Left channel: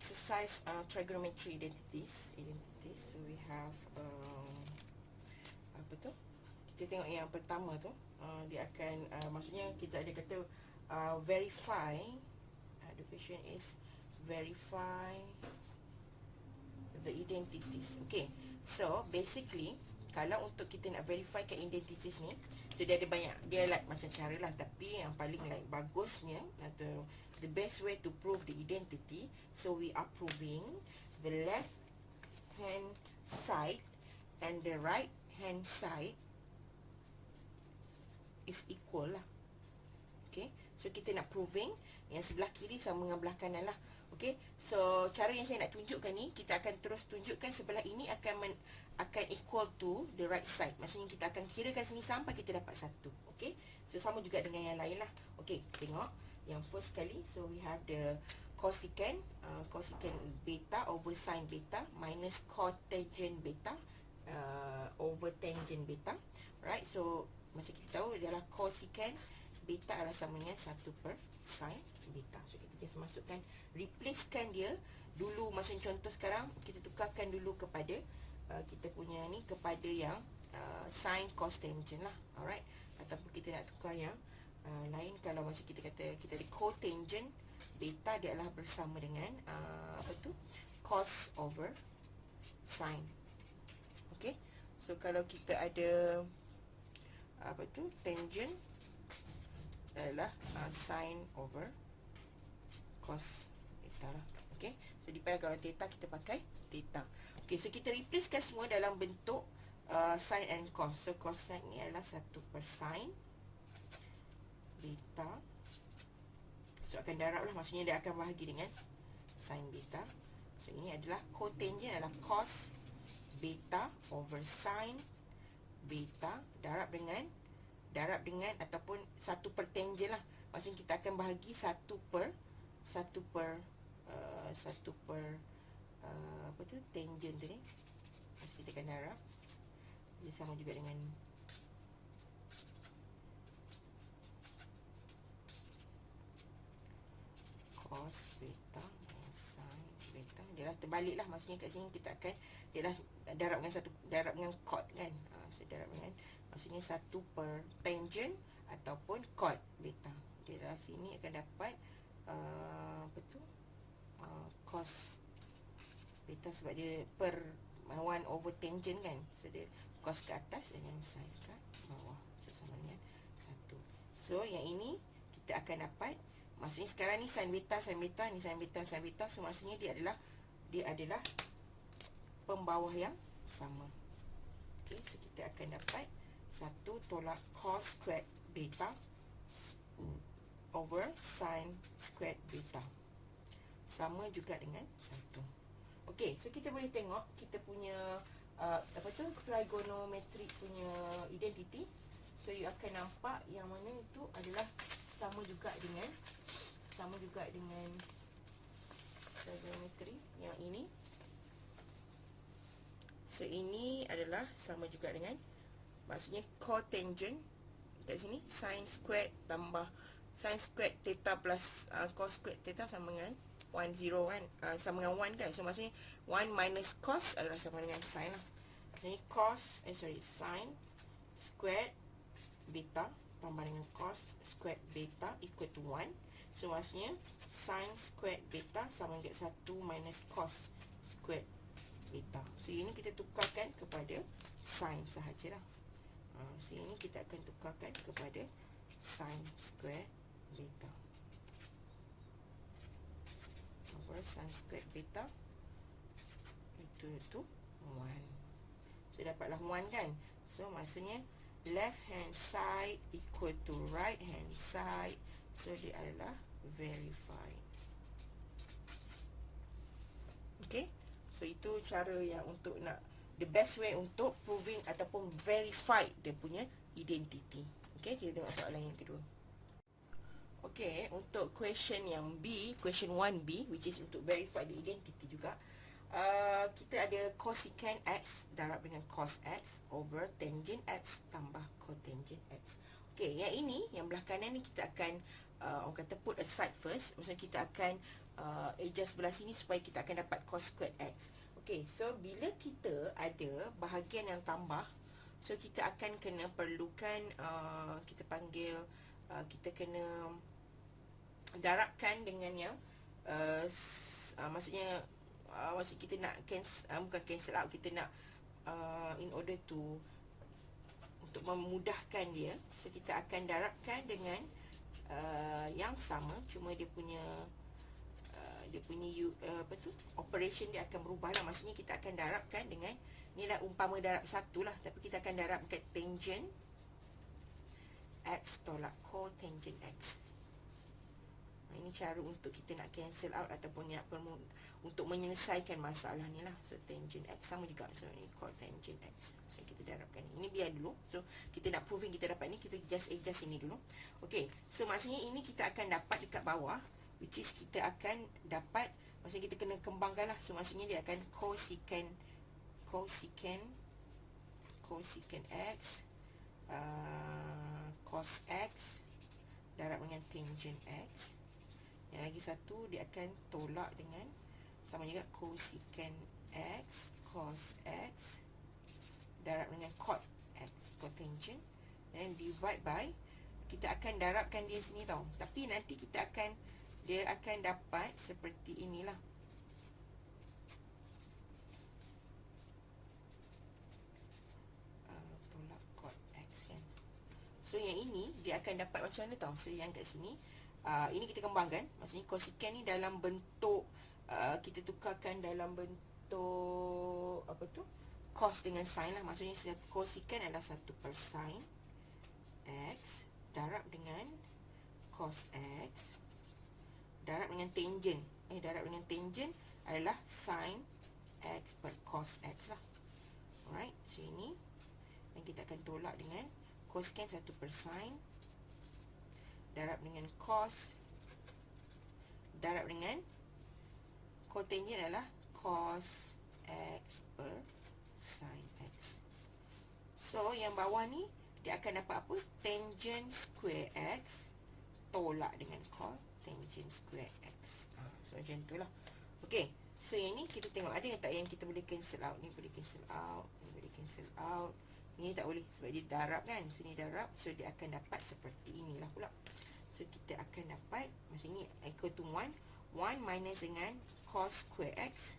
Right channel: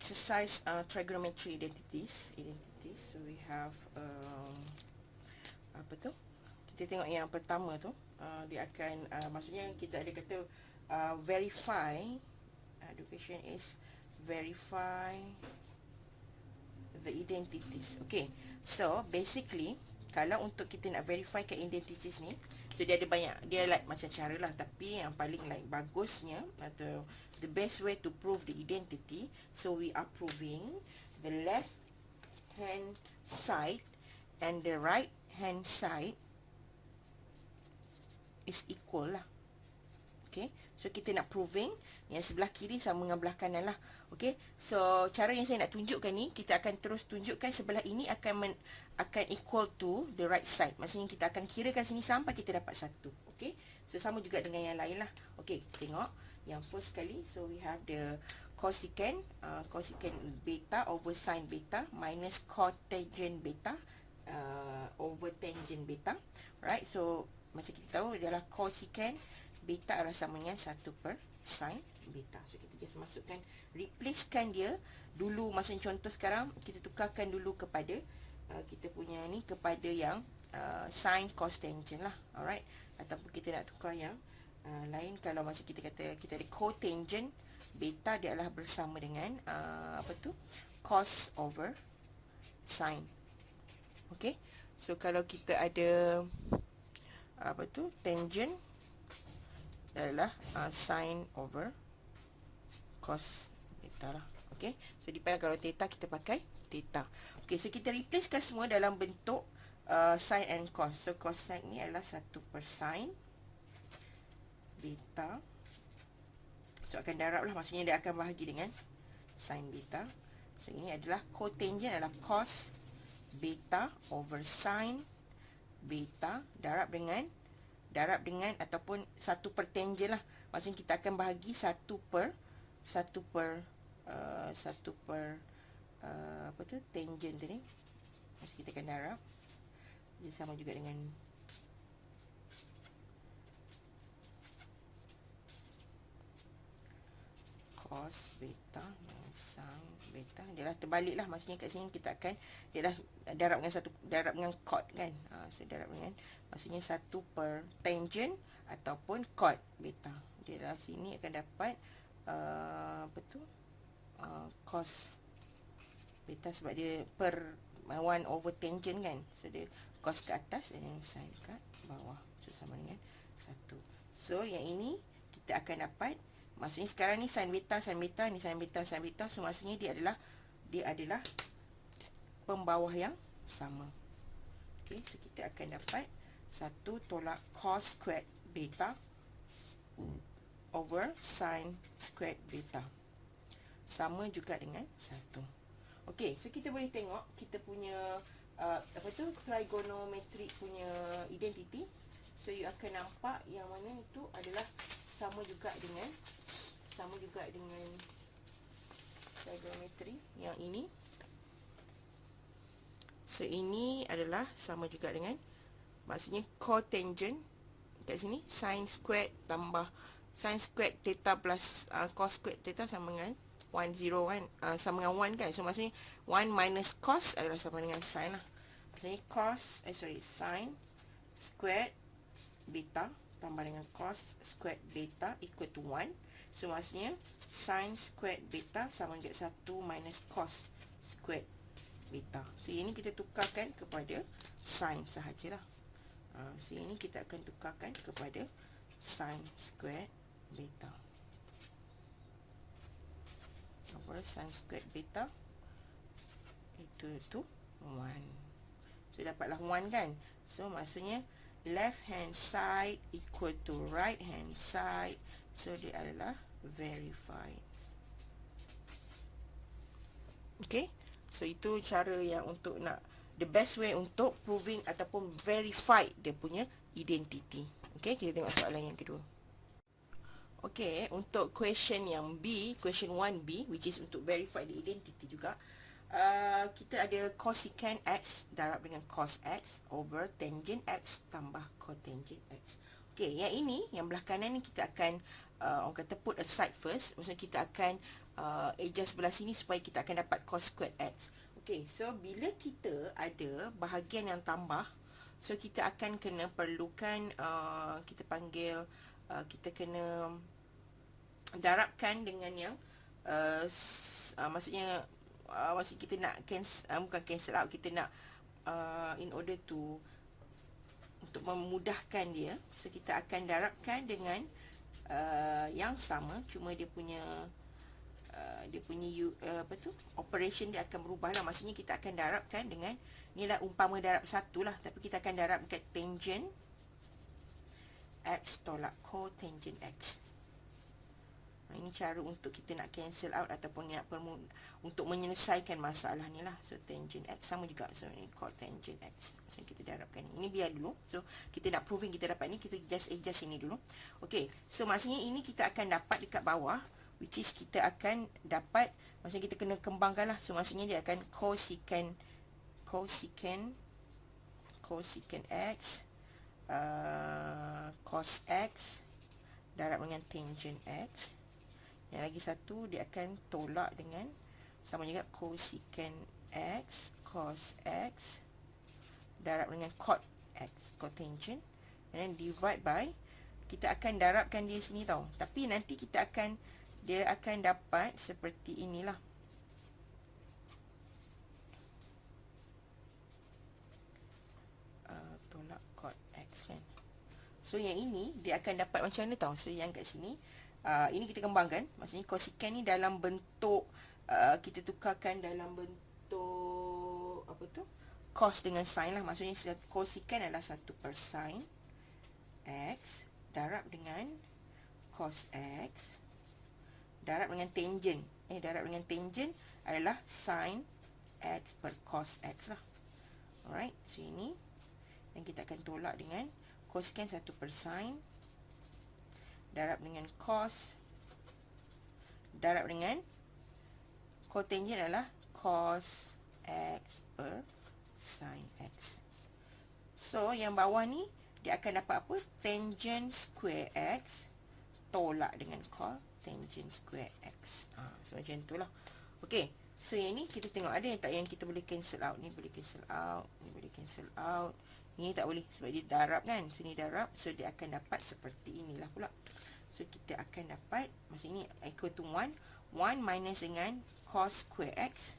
exercise trigonometry identities. So we have apa tu? Kita tengok yang pertama tu. Dia akan maksudnya kita ada kata verify. The question is verify the identities. Okay, so basically kalau untuk kita nak verify ke identities ni, so dia ada banyak, dia like macam cara lah, tapi yang paling like bagusnya atau the best way to prove the identity, so we are proving the left hand side and the right hand side is equal lah. Okay, so kita nak proving yang sebelah kiri sama dengan belah kanan lah. Okay, so cara yang saya nak tunjukkan ni, kita akan terus tunjukkan sebelah ini akan equal to the right side. Maksudnya kita akan kirakan sini sampai kita dapat 1. Okay, so sama juga dengan yang lain lah. Okay, tengok yang first kali. So we have the cosecant beta over sin beta minus cotangent beta over tangent beta. Right, so macam kita tahu adalah cosecant beta adalah sama dengan 1 per sin beta. So kita just masukkan, replacekan dia dulu. Maksudnya contoh sekarang kita tukarkan dulu kepada kita punya ni kepada yang sin cos tangent lah. Alright, ataupun kita nak tukar yang lain. Kalau macam kita kata kita ada cotangent beta, dia adalah bersama dengan apa tu, cos over sin. Okay, so kalau kita ada apa tu, tangent adalah sin over cos theta lah. Okay, so depend kalau theta kita pakai theta. Okay, so kita replacekan semua dalam bentuk sin and cos. So cosine ni adalah 1 per sin beta. So akan darab lah, maksudnya dia akan bahagi dengan sin beta. So ini adalah cotangent adalah cos beta over sin beta darab dengan ataupun 1 per tangent lah. Maksudnya kita akan bahagi 1 per apa tu, tangent tu ni. Maksudnya kita akan darab. Dia sama juga dengan cos beta dan sin beta. Dia dah terbalik lah. Maksudnya kat sini kita akan, dia dah darab dengan cot kan. So darab dengan, maksudnya 1 per tangent ataupun cot beta. Dia dah sini akan dapat apa tu, cos beta, sebab dia per 1 over tangent kan. So dia cos ke atas dan sin kat bawah. So sama dengan 1. So yang ini kita akan dapat, maksudnya sekarang ni sin beta, ni sin beta. So maksudnya dia adalah pembawah yang sama. Okay, so kita akan dapat 1 tolak cos squared beta over sin squared beta sama juga dengan 1. Okay, so kita boleh tengok kita punya apa tu, trigonometric punya identity. So you akan nampak yang mana itu adalah sama juga dengan trigonometri yang ini. So ini adalah sama juga dengan, maksudnya cotangent kat sini sin squared tambah sin squared theta plus cos squared theta sama dengan 1 0 kan, sama dengan 1 kan. So maksudnya 1 minus cos adalah sama dengan sin lah. Maksudnya sin squared beta tambah dengan cos squared beta equal to 1. So maksudnya sin squared beta sama dengan 1 minus cos squared beta. So ini kita tukarkan kepada sin sahajalah. So ini kita akan tukarkan kepada sin squared beta. Apa sin squared beta itu 1. So dapatlah 1 kan. So maksudnya left hand side equal to right hand side. So dia adalah verified. Okay, so itu cara yang untuk nak, the best way untuk proving ataupun verified dia punya identity. Okay, kita tengok soalan yang kedua. Okay, untuk question yang B, question 1B, which is untuk verify the identity juga, kita ada cosecant X darab dengan cos X over tangent X tambah cotangent X. Okay, yang ini, yang belah kanan ni kita akan orang kata put aside first. Maksudnya kita akan adjust sebelah sini supaya kita akan dapat cos squared x. Okey, so bila kita ada bahagian yang tambah, so kita akan kena perlukan kita panggil kita kena darabkan dengan yang maksudnya maksud kita nak bukan cancel out, kita nak in order to untuk memudahkan dia, so kita akan darabkan dengan yang sama, cuma dia punya operation dia akan berubah lah. Maksudnya kita akan darabkan dengan, ni lah umpama darab satu lah, tapi kita akan darab dekat tangent x tolak cotangent x. Ini cara untuk kita nak cancel out ataupun nak untuk menyelesaikan masalah ni lah. So tangent x sama juga, so ni cotangent x. So kita darabkan ni, biar dulu. So kita nak proving kita dapat ni, kita just adjust ini dulu. Okay, so maksudnya ini kita akan dapat dekat bawah, which is kita akan dapat, maksudnya kita kena kembangkan lah. So maksudnya dia akan cosecant x cos x darab dengan tangent x. Yang lagi satu dia akan tolak dengan sama juga cosecant x cos x darab dengan cot x, cotangent, and then divide by, kita akan darabkan dia sini tau, tapi nanti dia akan dapat seperti inilah. Tolak cot x kan. So yang ini dia akan dapat macam mana tau. So yang kat sini ini kita kembangkan. Maksudnya cosecant ni dalam bentuk kita tukarkan dalam bentuk apa tu, cos dengan sin lah. Maksudnya cosecant adalah 1 per sin x darab dengan cos x darab dengan tangent. Darab dengan tangent adalah sin x per cos x lah. Alright, so ini, dan kita akan tolak dengan cosecant 1 per sin darab dengan cos darab dengan cotangent adalah cos x per sin x. So yang bawah ni dia akan dapat apa? Tangent square x tolak dengan cotangent square x. So macam tu lah. Okay, so yang ni kita tengok ada yang tak, yang kita boleh cancel out. Ni boleh cancel out, ni boleh cancel out, ini tak boleh sebab dia darab kan. So ni darab, so dia akan dapat seperti inilah pula. So kita akan dapat, macam ni equal to 1 minus dengan cos square x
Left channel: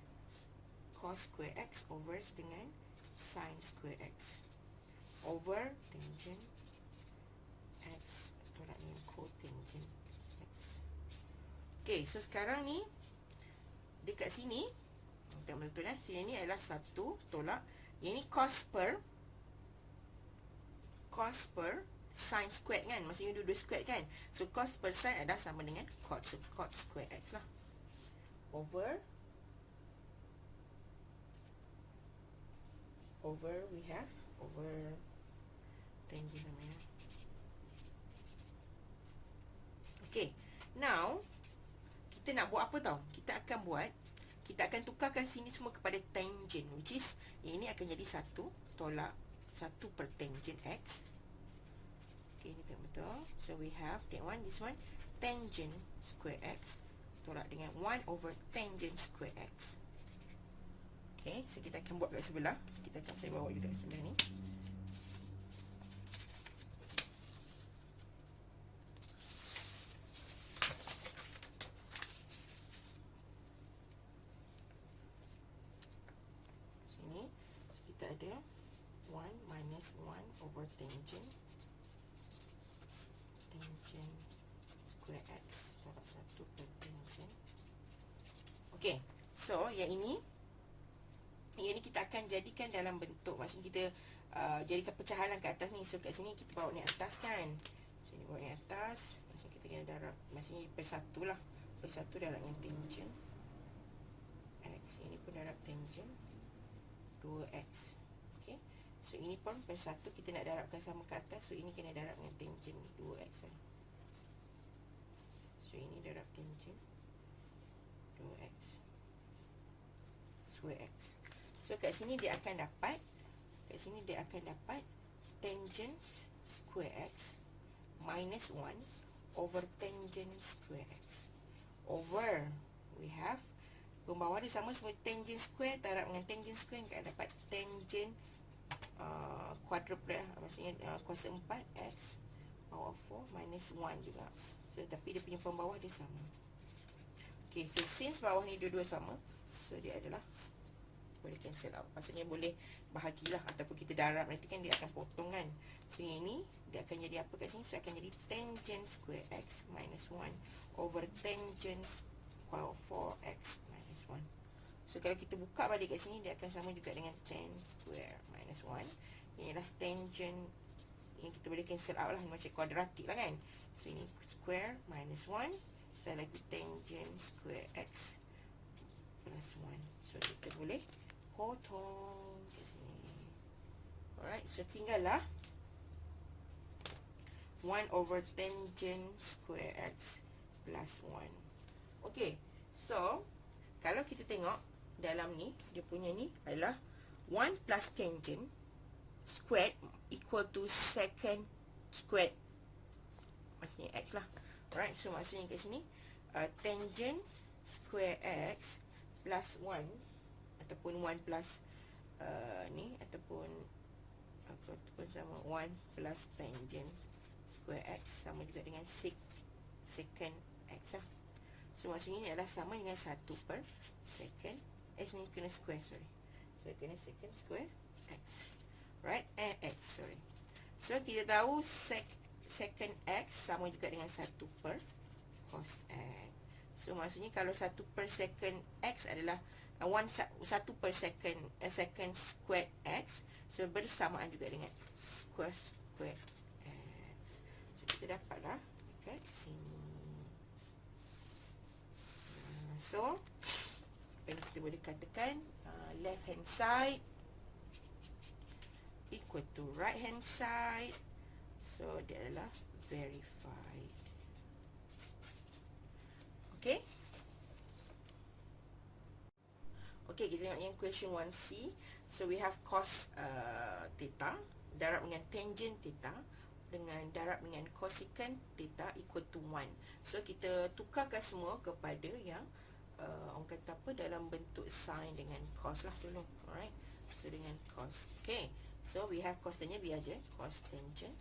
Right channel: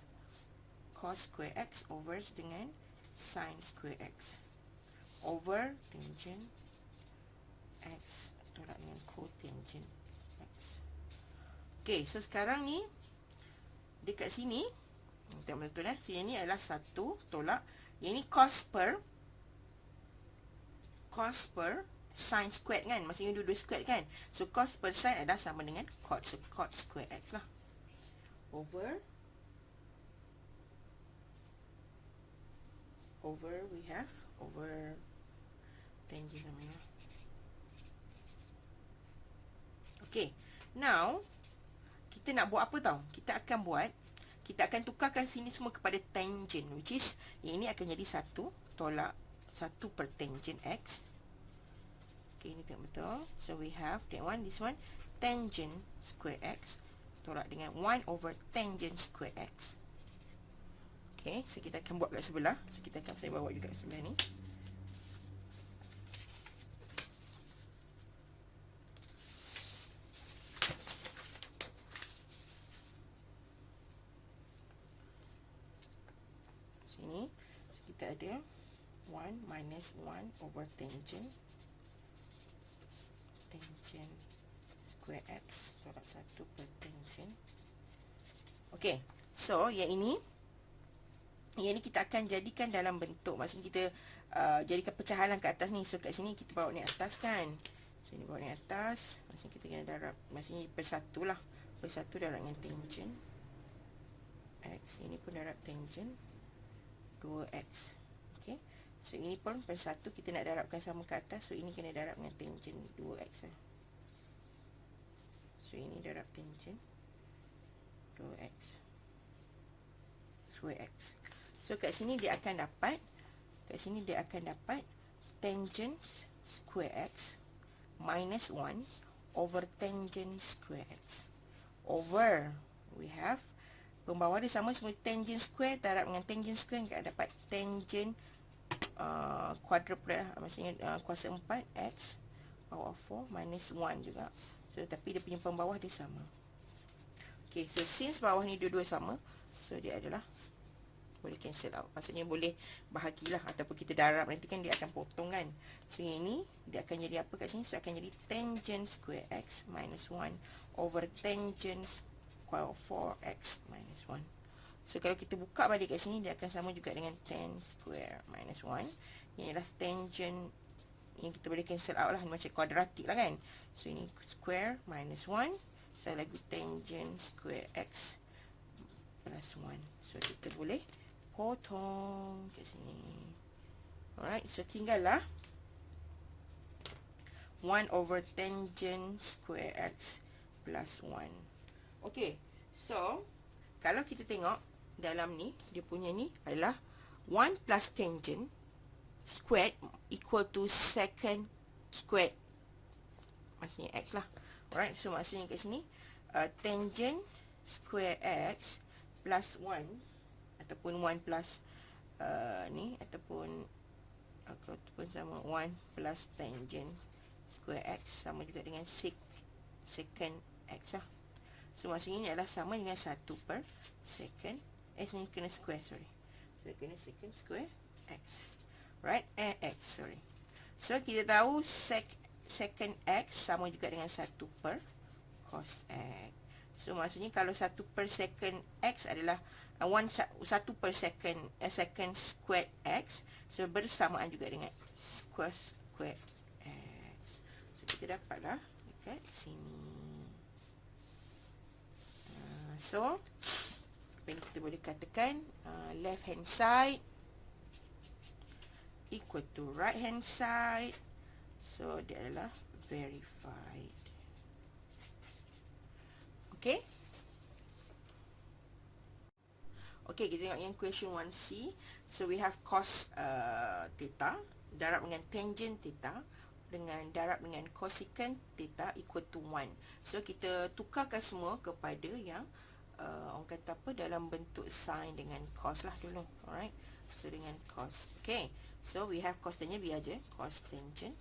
over dengan sin square x over tangent x tolak dengan cotangent x. Okay, so sekarang ni dekat sini betul-betul So yang ni adalah 1 tolak, yang ni cos per sin squared kan, maksudnya dua-dua squared kan. So cos per sin adalah sama dengan cot, so cot square x lah over we have over tangent namanya. Okay, now kita nak buat apa tau? Kita akan tukarkan sini semua kepada tangent, which is yang ini akan jadi 1 tolak 1 per tangent x. Okay, ini tengok betul. So we have that one, this one, tangent square x tolak dengan 1 over tangent square x. Okay, so kita akan buat kat sebelah. So saya bawa juga kat sebelah ni. Sini, so kita ada 1 minus 1 over tangent square x tolak 1 per tangent. Okay, so yang ini kita akan jadikan dalam bentuk, maksudnya kita jadikan pecahan ke atas ni. So kat sini kita bawa ni atas kan. So ni bawa ni atas, maksudnya kita kena darab, maksudnya per 1 lah, per 1 darab dengan tangent x, ini pun darab tangent 2x. Okay, so ini pun per 1 kita nak darabkan sama ke atas, so ini kena darab dengan tangent 2x lah. So ini darab tangent 2x square x. So kat sini dia akan dapat, tangent square x minus 1 over tangent square x over we have pembawah dia sama semua tangent square, darab dengan tangent square kita dapat tangent quadruplet lah, maksudnya kuasa 4 x power 4 minus 1 juga. So tapi dia punya pembawah dia sama. Okay, so since bawah ni dua-dua sama, so dia adalah boleh cancel out, maksudnya boleh bahagilah ataupun kita darab, nanti kan dia akan potong kan. So yang ini dia akan jadi apa kat sini? So akan jadi tangent square x minus 1 over tangent square 4x minus 1. So kalau kita buka balik kat sini, dia akan sama juga dengan tan square minus 1. Ini adalah tangent yang kita boleh cancel out lah, macam kuadratik lah kan. So ini square minus 1, so lagi tangent square x plus 1. So kita boleh potong kat sini. Alright, so tinggallah 1 over tangent square x plus 1. Okay, so kalau kita tengok dalam ni, dia punya ni adalah 1 plus tangent squared equal to secant squared, maksudnya x lah. Alright, so maksudnya kat sini tangent square x plus 1 ataupun 1 plus ni ataupun sama 1 plus tangent square x sama juga dengan secant x lah. So maksudnya ini adalah sama dengan 1 per second. Ni kena square, sorry. So kena secant square x. Right? X, sorry. So kita tahu secant x sama juga dengan 1 per cos x. So maksudnya kalau 1 per second x adalah 1 per second second square x, so bersamaan juga dengan square x. So kita dapatlah dekat sini. So apa yang kita boleh katakan, left hand side equal to right hand side. So dia adalah verified. Okay. Okay, kita tengok yang question 1C. So we have cos theta darab dengan tangent theta dengan darab dengan cosecant theta equal to 1. So kita tukarkan semua kepada yang orang kata apa, dalam bentuk sin dengan cos lah dulu. Alright, so dengan cos. Okay, so we have cos tangent, biar je cos tangent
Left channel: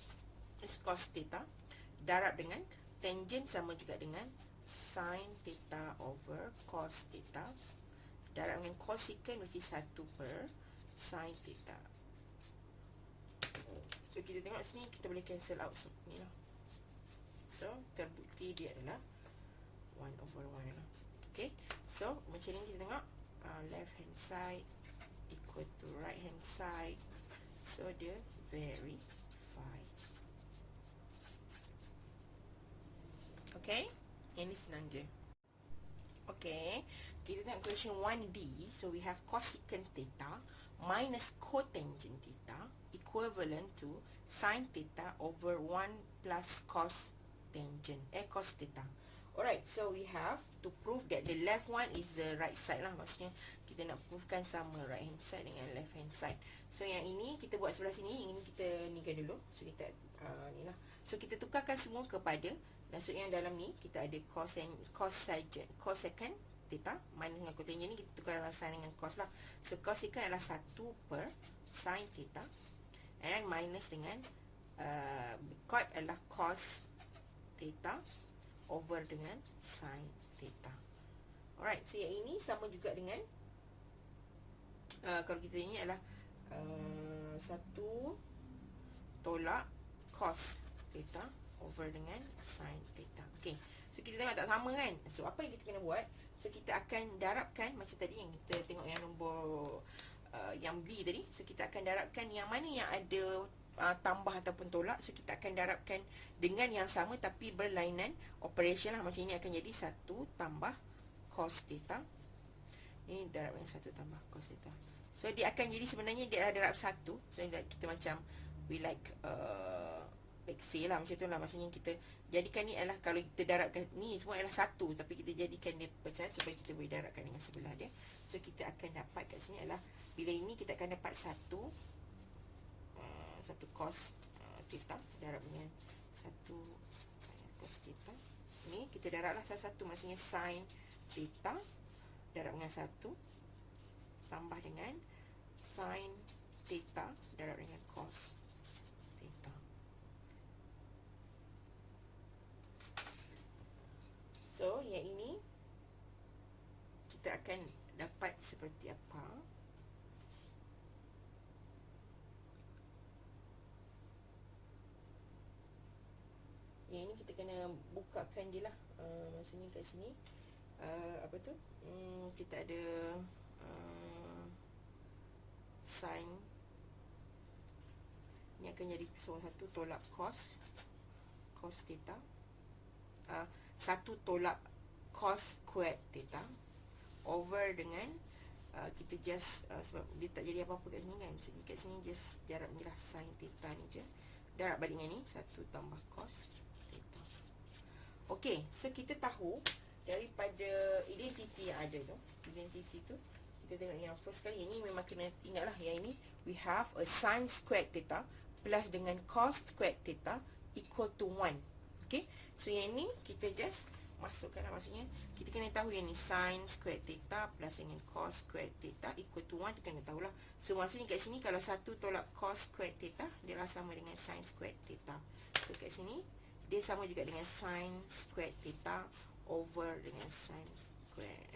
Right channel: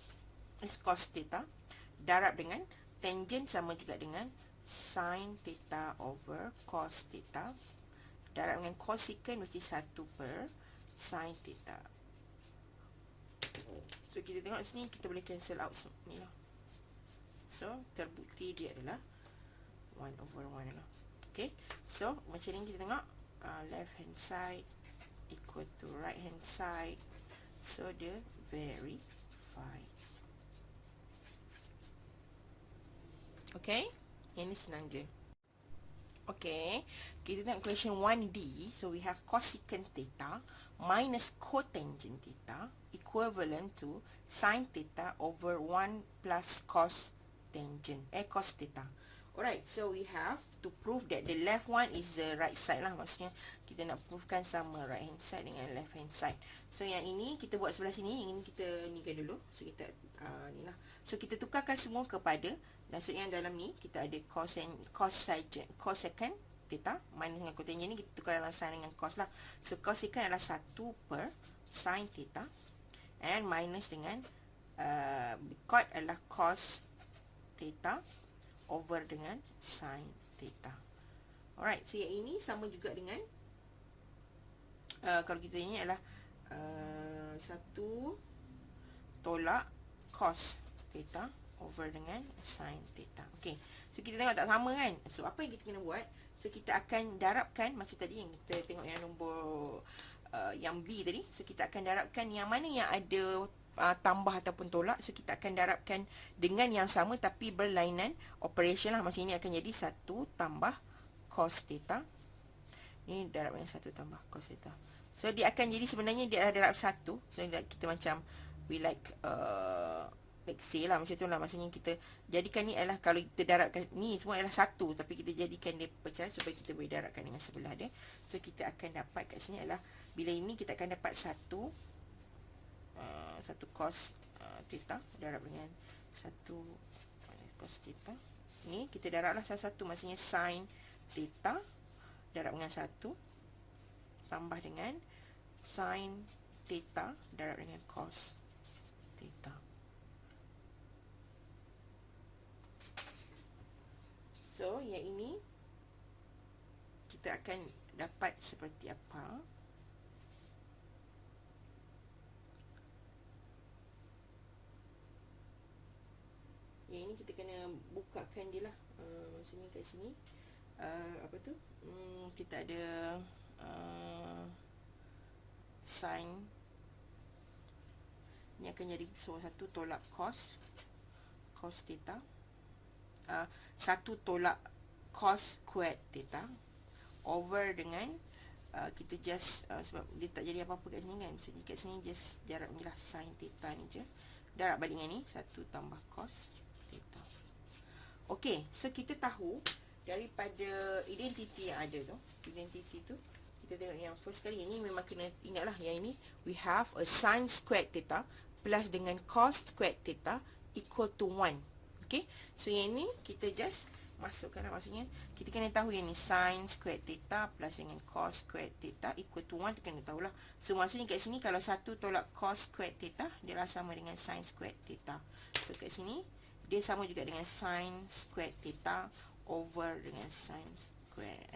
is cos theta darab dengan tangent sama juga dengan sin theta over cos theta darab dengan cosecant, which is 1 per sin theta. So kita tengok sini, kita boleh cancel out ni lah. So terbukti dia adalah 1 over 1 lah. Okay, so macam ni kita tengok left hand side equal to right hand side. So dia verified. Okay, yang ni senang je. Okay, kita tengok question 1D. So we have cosecant theta minus cotangent theta equivalent to sin theta over 1 plus cos tangent cos theta. Alright, so we have to prove that the left one is the right side lah. Maksudnya kita nak provekan sama right hand side dengan left hand side. So yang ini kita buat sebelah sini, yang ini kita nikan dulu. So kita ni lah. So kita tukarkan semua kepada, maksudnya dalam ni kita ada cosecant theta minus dengan cotangent ni kita tukar dalam sin dengan cos lah. So cosecant adalah 1 per sin theta and minus dengan cot adalah cos theta over dengan sin theta. Alright, so yang ini sama juga dengan kalau kita ini adalah 1 tolak cos theta over dengan sin theta. Okay, so kita tengok tak sama kan. So apa yang kita kena buat, so kita akan darabkan macam tadi yang kita tengok yang nombor yang B tadi. So kita akan darabkan yang mana yang ada tambah ataupun tolak. So kita akan darabkan dengan yang sama tapi berlainan operation lah. Macam ini akan jadi 1 tambah cos theta. Ini darab dengan 1 tambah cos theta. So dia akan jadi, sebenarnya dia adalah darab 1. So kita macam we like say lah macam tu lah. Maksudnya kita jadikan ni adalah, kalau kita darabkan ni semua adalah 1, tapi kita jadikan dia pecah supaya kita boleh darabkan dengan sebelah dia. So kita akan dapat kat sini adalah, bila ini kita akan dapat 1 cos theta darab dengan 1 cos theta. Ni kita darablah satu-satu, maksudnya sin theta darab dengan 1 tambah dengan sin theta darab dengan cos theta. So, yang ini kita akan dapat seperti apa? Yang ini kita kena bukakan dia lah. Maksudnya kat sini apa tu? Kita ada sin. Ini akan jadi satu tolak cos theta. Satu tolak cos squared theta over dengan kita just sebab dia tak jadi apa-apa kat sini kan, jadi kat sini just darab ni lah sin theta ni je, darab balik dengan ni 1 tambah cos theta. Okey, so kita tahu daripada identiti yang ada tu, identiti tu kita tengok yang first kali ini memang kena ingatlah yang ini we have a sin squared theta plus dengan cos squared theta equal to 1. Okey, so yang ini kita just masukkan lah, maksudnya kita kena tahu yang ni sin squared theta plus dengan cos squared theta equal to 1 tu kena tahulah. So maksudnya kat sini kalau 1 tolak cos squared theta dia lah sama dengan sin squared theta. So kat sini dia sama juga dengan sin squared theta over dengan sin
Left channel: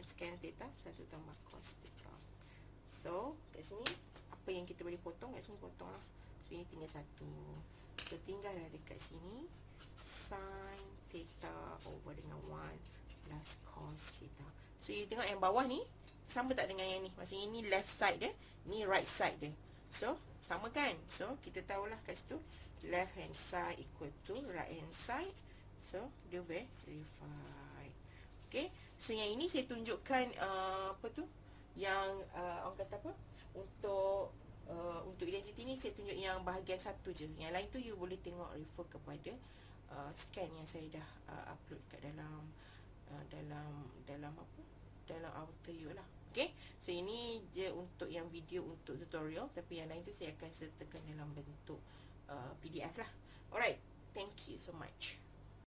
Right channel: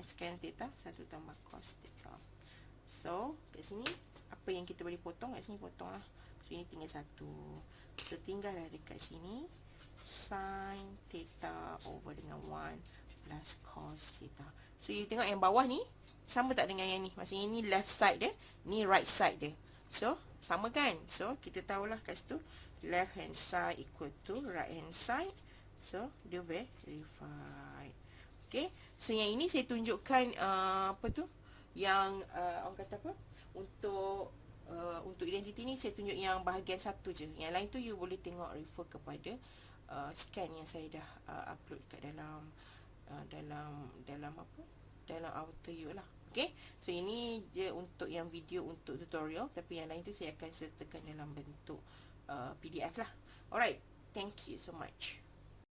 squared theta 1 tambah cos theta. So kat sini apa yang kita boleh potong, kat sini potong lah. So ini tinggal 1. So tinggal lah dekat sini sin theta over dengan 1 plus cos theta. So you tengok yang bawah ni sama tak dengan yang ni, maksudnya ni left side dia, ni right side dia. So sama kan? So kita tahulah kat situ left hand side equal to right hand side. So dia verified. Okay, so yang ini saya tunjukkan apa tu, yang orang kata apa, untuk identiti ni saya tunjuk yang bahagian satu je, yang lain tu you boleh tengok, refer kepada scan yang saya dah upload kat dalam apa, dalam AutoU lah. Okay, so ini je untuk yang video untuk tutorial, tapi yang lain tu saya akan sertakan dalam bentuk PDF lah. Alright, thank you so much.